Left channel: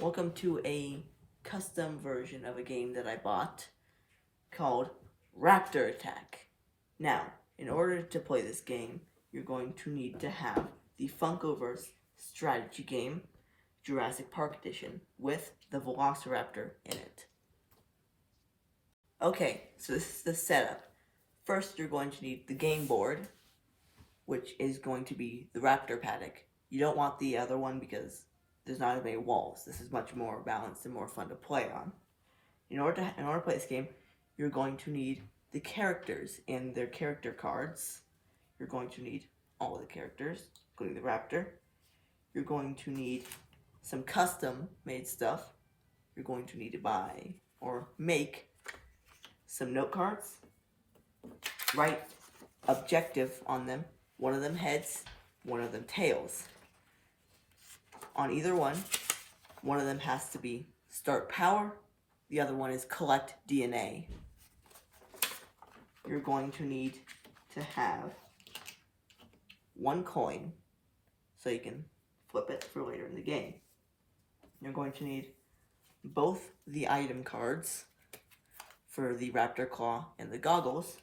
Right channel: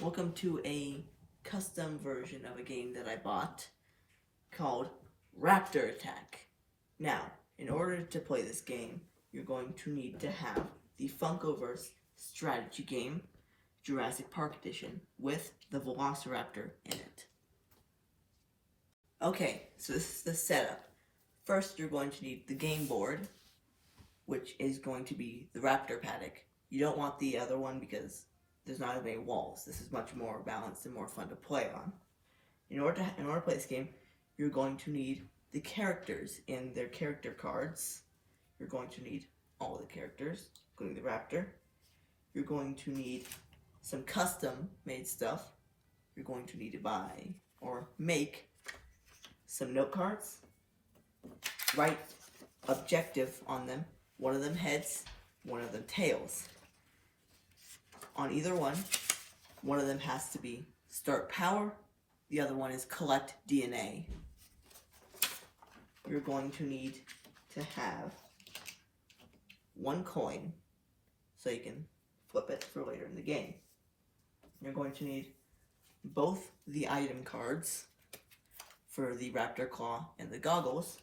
Welcome to a custom version of a game that I bought called Raptor Attack. Now, in order to play this game, you're going to need to have the Funkoverse strategy game, Jurassic Park edition, with the Velociraptor in it. Okay, so this is the setup. First, you're going to need the game board, which is going to be the Raptor paddock. You don't want the other one because there's not as many walls. This is much more balanced and more fun to play on. In order to play this game, you're going to need the characters and their character cards. You're going to need all of the characters, including the Raptor. You're going to need some custom made stuff. You're going to need to buy or make some note cards. Write objective on them. One of them heads, one of them tails. On either one of them has to be start power, the other one is collect DNA. You're going to need to have one coin so you can flip it for later in the game. You're going to need both the item cards for the Raptor Claw and the goggles,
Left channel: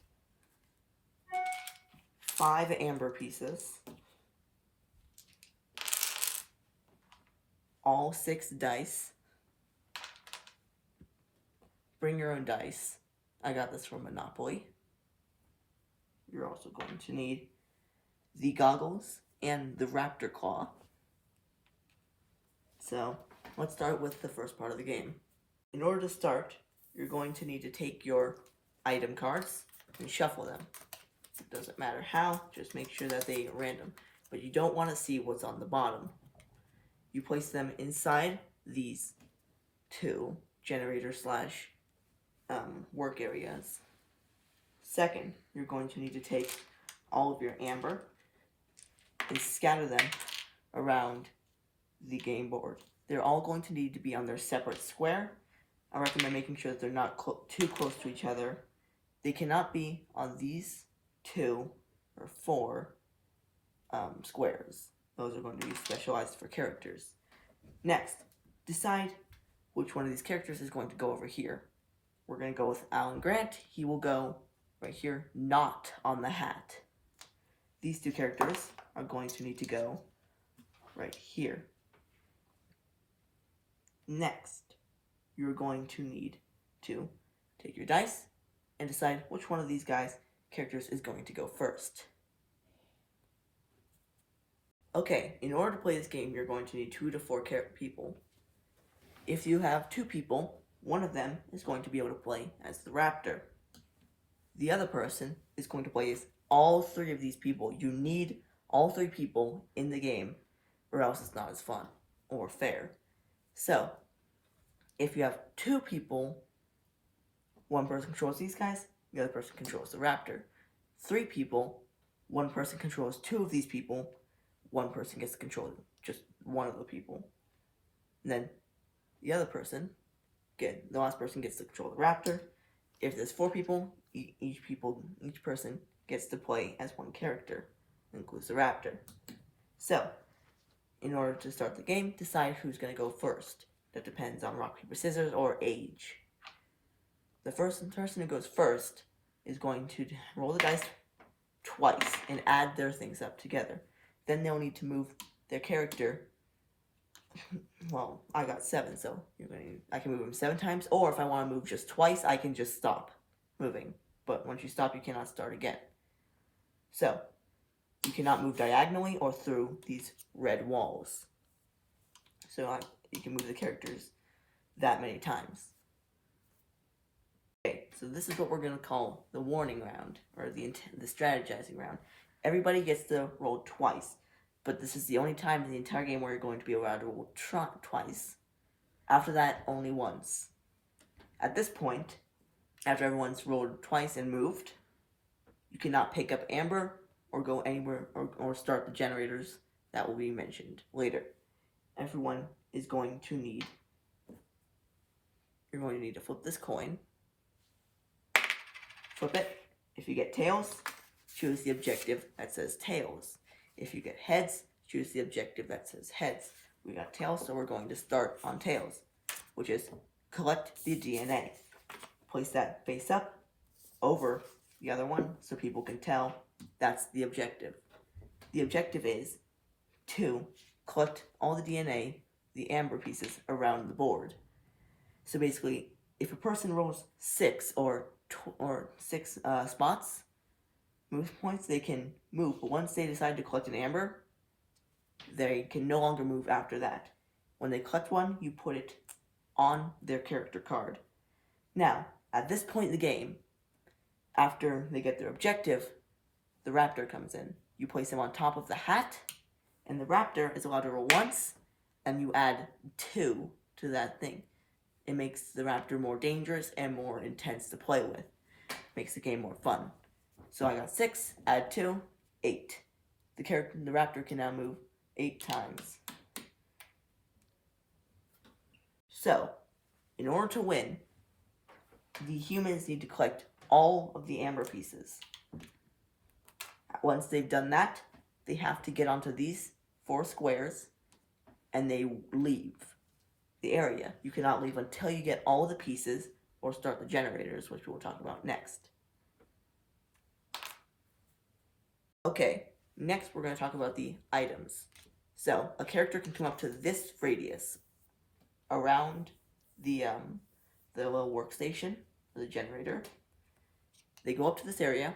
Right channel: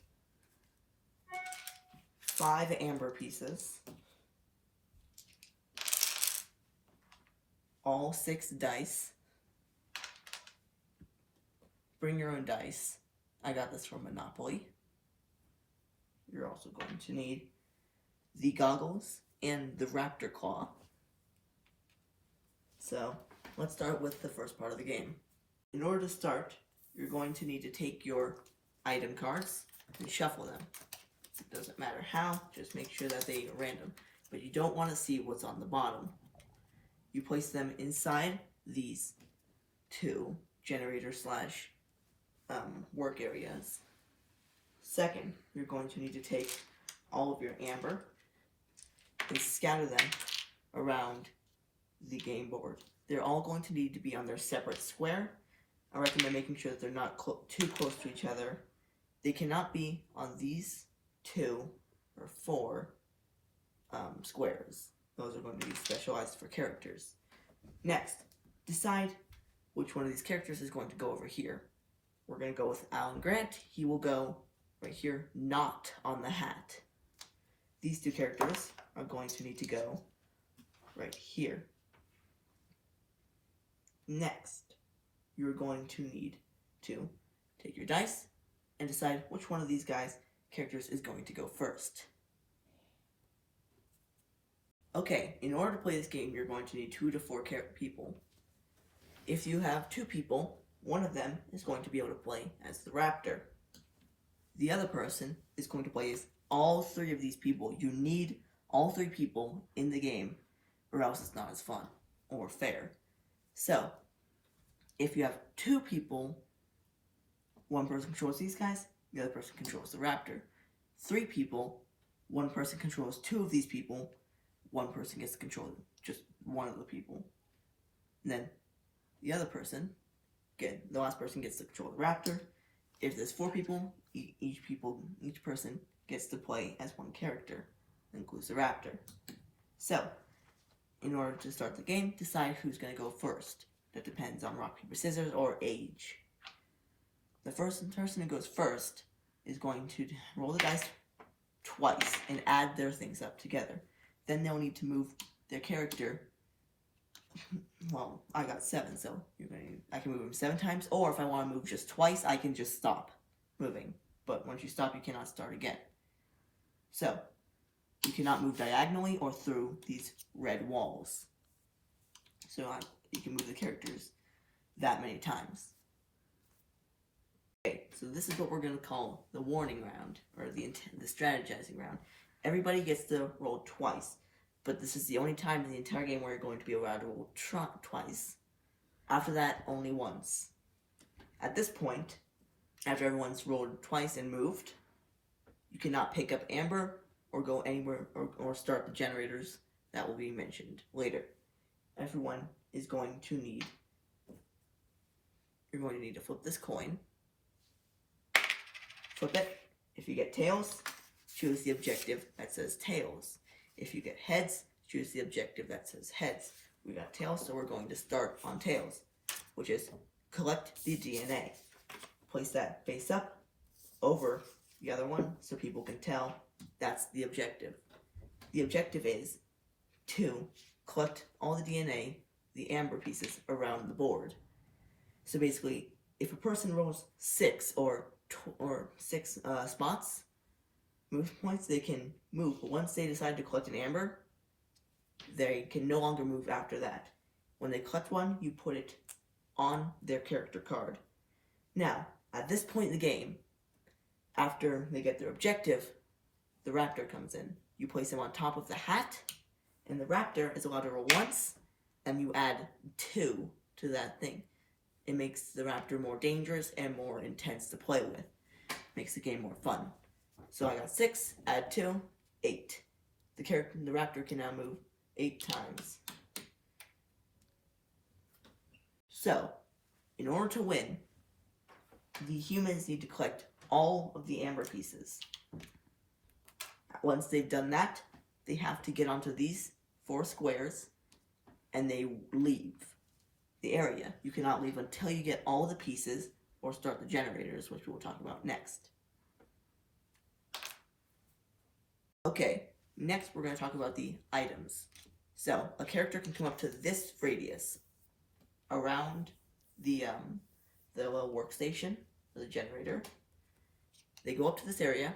5 amber pieces, all 6 dice. Bring your own dice. I got this from Monopoly. You're also going to need the goggles and the Raptor Claw. So, let's start with the first part of the game. In order to start, you're going to need to take your item cards and shuffle them. It doesn't matter how, just make sure that they are random. But you don't want to see what's on the bottom. You place them inside these 2 generator slash work areas. Second, you're going to need to take all of your amber and scatter them around the game board. They're all going to need to be on their separate square. I recommend making sure that they're not too close to each other. They cannot be on these 2 or 4 squares. Those are going to be specialized for characters. Next, decide which one of these characters is going to go over here. We're going to go with Alan Grant. He will go right here, not on the hat. These 2 characters are going to need to go right here. Next, you're going to need to take your dice and decide which one of these characters is going to go first. Okay, in order to play this game, you're going to need 2 to 4 people. If you have 2 people, one of them is going to be able to play as the Raptor. The other person is going to play as all 3 of these people. You need all 3 people in the game, or else it's not as fun or fair. So, if you have 2 people, one person controls these guys, the other person controls the Raptor. 3 people, one person controls 2 of these people, one person gets to control just one of the people. And then the other person, the last person gets to control the Raptor. If there's 4 people, each person gets to play as one character, includes the Raptor. So, in order to start the game, decide who's going to go first. That depends on rock, paper, scissors, or age. The first person who goes first is going to roll the dice twice and add their things up together. Then they'll need to move their character. Well, I got 7, so I can move them 7 times. Or if I want to move just twice, I can just stop moving. But once you stop, you cannot start again. So, you cannot move diagonally or through these red walls. So you can move the characters that many times. Okay, so this is what we're going to call the warning round, or the strategizing round. Everybody gets to roll twice, but this is the only time in the entire game where you're going to be allowed to roll twice. After that, only once. At this point, after everyone's rolled twice and moved, you cannot pick up amber or go anywhere or start the generators that will be mentioned later. Everyone is going to need, you're going to need to flip this coin. Flip it. If you get tails, choose the objective that says tails. If you get heads, choose the objective that says heads. we got tails, so we're going to start on tails, which is collect the DNA. Place that face up over the other one so people can tell that's the objective. The objective is to collect all the DNA, the amber pieces, around the board. So basically, if a person rolls 6 or 6 spots, move points, they can move. But once they decide to collect an amber, they can no longer move after that. When they collect one, you put it on their character card. Now, at this point in the game, after they get their objective, the Raptor comes in. You place him on top of the hat, and the Raptor is allowed to roll once, and you add 2 to that thing. It makes the Raptor more dangerous and more intense to play with. Makes the game more fun. So I got 6, add 2, 8. The Raptor can now move 8 times. So, in order to win, the humans need to collect all of the amber pieces. Once they've done that, they have to get onto these 4 squares, and they leave the area. You cannot leave until you get all the pieces or start the generators, which we'll talk about next. Okay, next we're going to talk about the items. So, a character can come up to this radius around the little workstation, or the generator. They go up to this area,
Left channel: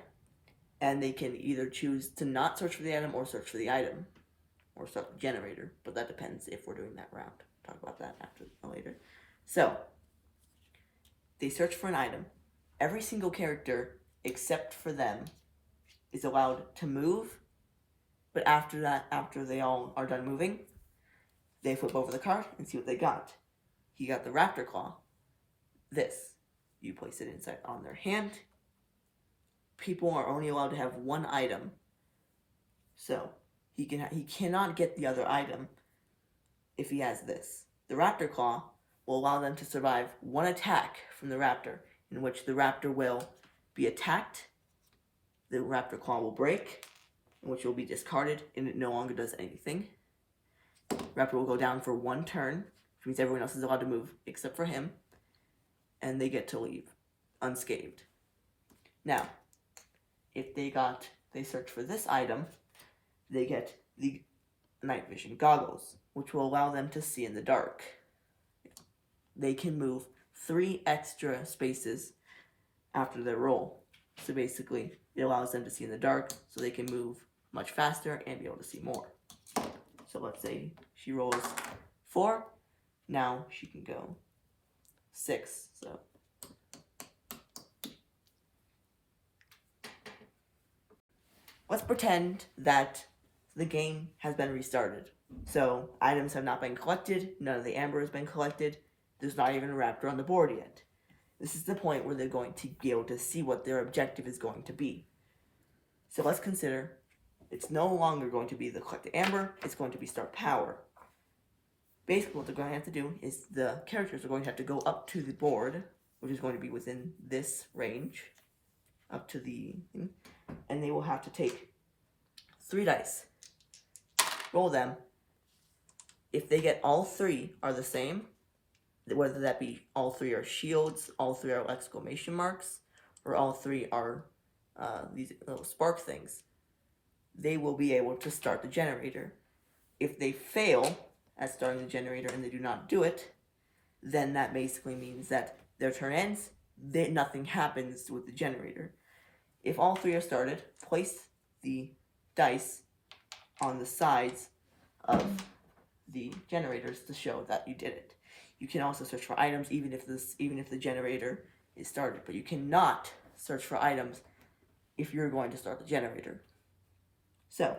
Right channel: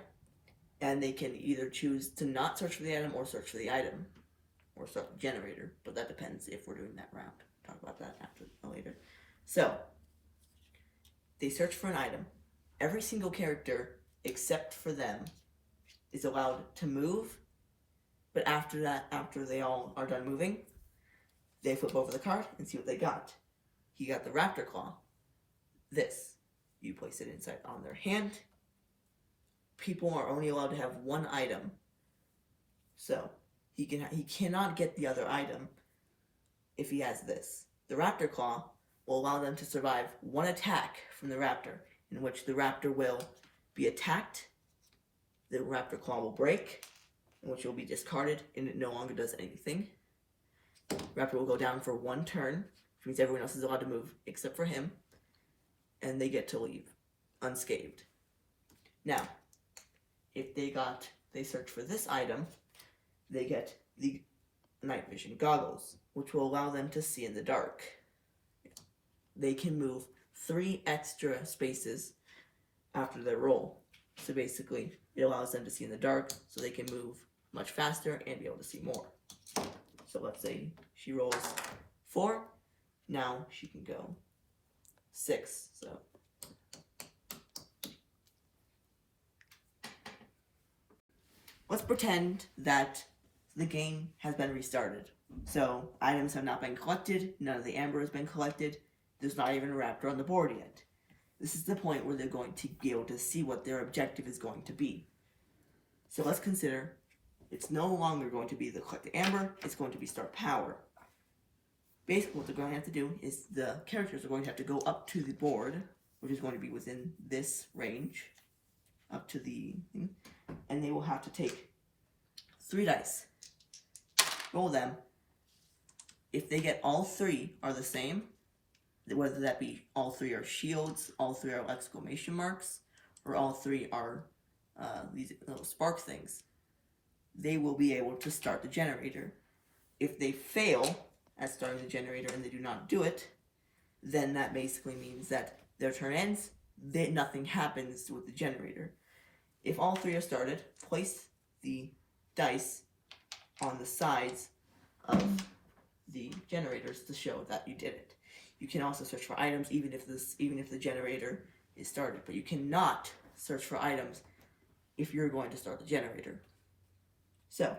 and they can either choose to not search for the item or search for the item, or start the generator, but that depends if we're doing that round. Talk about that later. So, they search for an item. Every single character, except for them, is allowed to move, but after they all are done moving, they flip over the card and see what they got. He got the Raptor Claw. This. You place it inside on their hand. People are only allowed to have one item. So, he cannot get the other item if he has this. The Raptor Claw will allow them to survive one attack from the Raptor, in which the Raptor will be attacked, the Raptor Claw will break, in which it will be discarded, and it no longer does anything. Raptor will go down for 1 turn, which means everyone else is allowed to move except for him, and they get to leave unscathed. Now, if they search for this item, they get the night vision goggles, which will allow them to see in the dark. They can move 3 extra spaces after their roll. So basically, it allows them to see in the dark, so they can move much faster and be able to see more. So let's say she rolls 4, now she can go 6. So let's pretend that the game has been restarted. So items have not been collected, none of the amber has been collected, there's not even a Raptor on the board yet. This is the point where they're going to be able to see what their objective is going to be. So let's consider it's no longer going to be the collect the amber, it's going to be start power. Basically what they're going to have to do is the characters are going to have to go up to the board, which is going to be within this range, up to the, and they will have to take 3 dice, roll them. If they get all 3 are the same, whether that be all 3 are shields, all 3 are exclamation marks, or all 3 are these little spark things, they will be able to start the generator. If they fail at starting the generator and they do not do it, then that basically means that their turn ends, nothing happens with the generator. If all 3 are started, place the dice on the sides of the generators to show that you did it. You can also search for items even if the generator is started, but you cannot search for items if you're going to start the generator. So,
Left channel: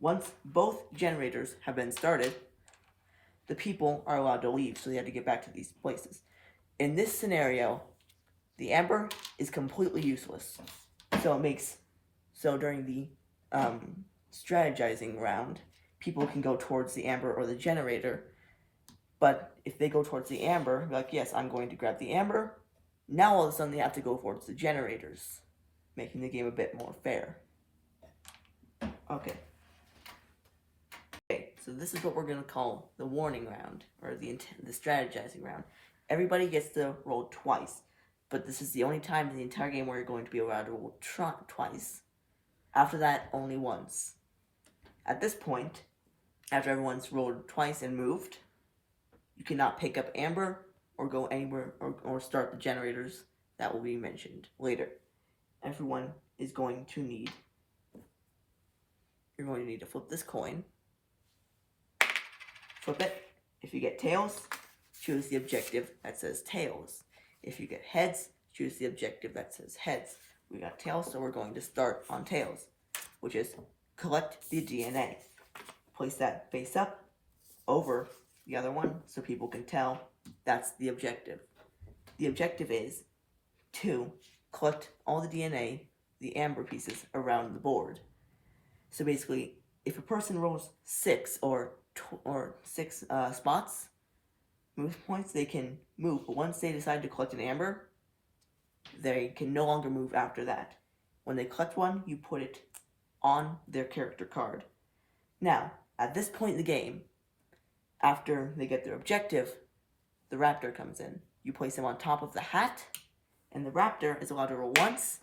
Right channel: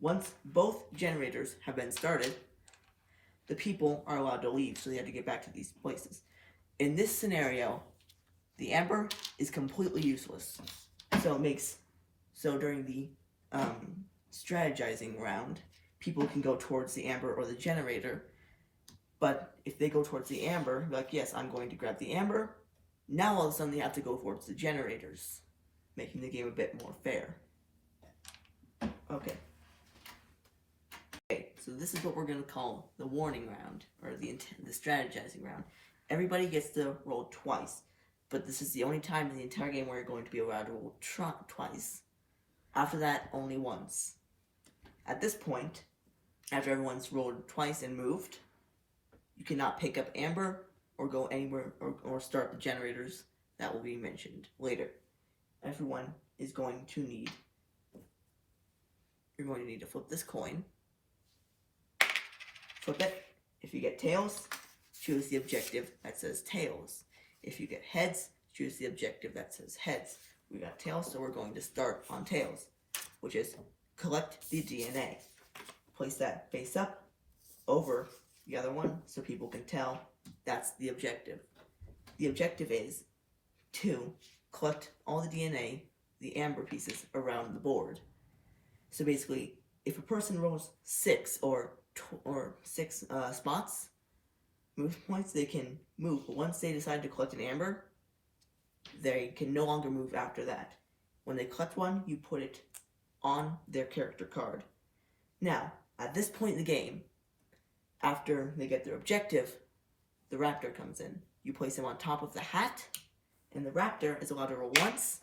once both generators have been started, the people are allowed to leave, so they have to get back to these places. In this scenario, the amber is completely useless. So during the strategizing round, people can go towards the amber or the generator, but if they go towards the amber, like, yes, I'm going to grab the amber, now all of a sudden they have to go towards the generators, making the game a bit more fair. Okay, So this is what we're going to call the warning round, or the strategizing round. Everybody gets to roll twice, but this is the only time in the entire game where you're going to be allowed to roll twice. After that, only once. At this point, after everyone's rolled twice and moved, you cannot pick up amber or go anywhere or start the generators that will be mentioned later. Everyone is going to need, you're going to need to flip this coin. Flip it. If you get tails, choose the objective that says tails. If you get heads, choose the objective that says heads. We got tails, so we're going to start on tails, which is collect the DNA. Place that face up over the other one so people can tell that's the objective. The objective is to collect all the DNA, the amber pieces, around the board. So basically, if a person rolls 6 or 6 spots, move points, they can move. But once they decide to collect an amber, they can no longer move after that. When they collect one, you put it on their character card. Now, at this point in the game, after they get their objective, the Raptor comes in. You place him on top of the hat, and the Raptor is allowed to roll once,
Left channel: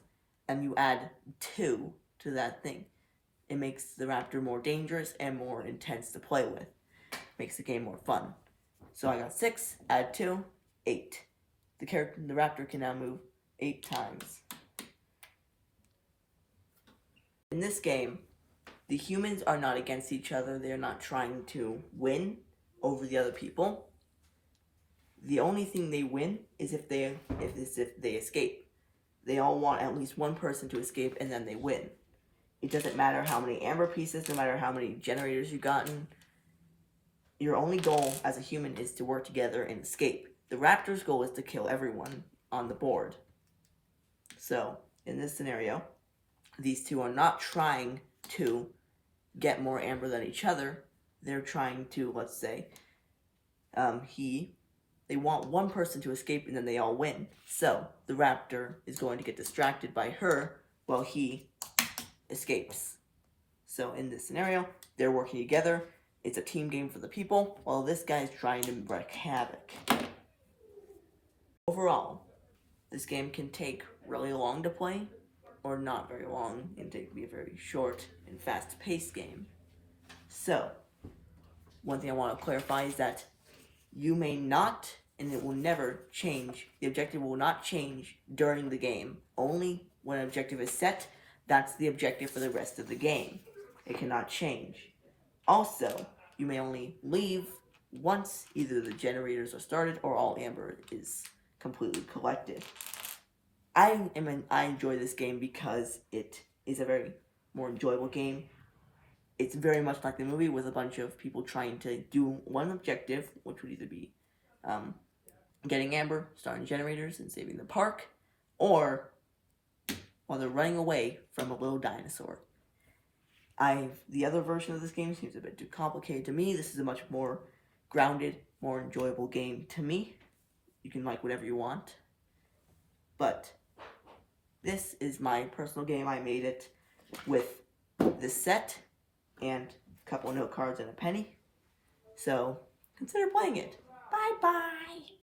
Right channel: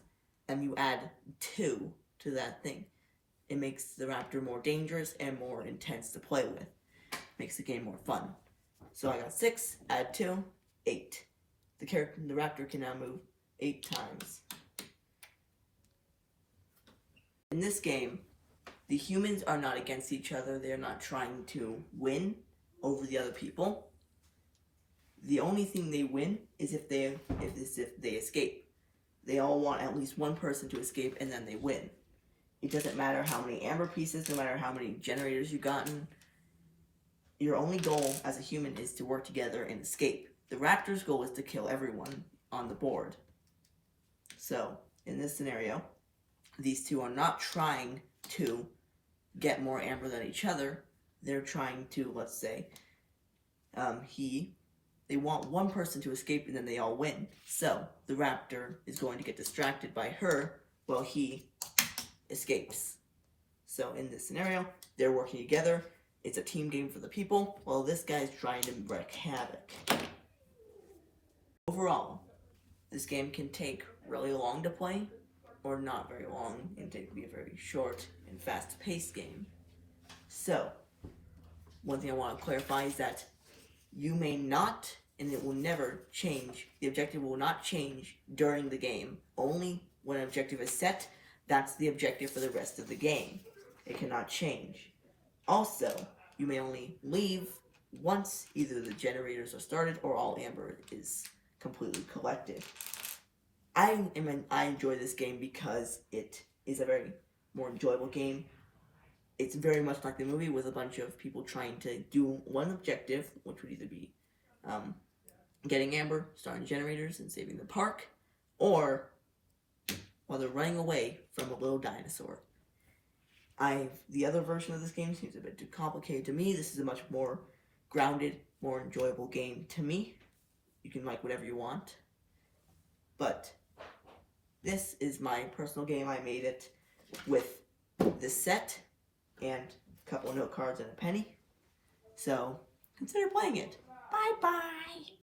and you add 2 to that thing. It makes the Raptor more dangerous and more intense to play with. Makes the game more fun. So I got 6, add 2, 8. The Raptor can now move 8 times. In this game, the humans are not against each other. They're not trying to win over the other people. The only thing they win is if they escape. They all want at least one person to escape, and then they win. It doesn't matter how many amber pieces, no matter how many generators you've gotten. Your only goal as a human is to work together and escape. The Raptor's goal is to kill everyone on the board. So, in this scenario, these two are not trying to get more amber than each other. They're trying to, let's say, they want one person to escape and then they all win. So, the Raptor is going to get distracted by her while he escapes. So, in this scenario, they're working together. It's a team game for the people, while this guy is trying to wreak havoc. Overall, this game can take really long to play, or not very long, and it can be a very short and fast-paced game. So, one thing I want to clarify is that you may not, and it will never change, the objective will not change during the game. Only when an objective is set, that's the objective for the rest of the game. It cannot change. Also, you may only leave once either the generators are started or all amber is completely collected. I enjoy this game because it is a very more enjoyable game. It's very much like the movie with a bunch of people trying to do one objective, which would either be getting amber, starting generators, and saving the park, or while they're running away from a little dinosaur. The other version of this game seems a bit too complicated to me. This is a much more grounded, more enjoyable game to me. You can like whatever you want. But this is my personal game. I made it with this set and a couple of note cards and a penny. So consider playing it. Bye-bye.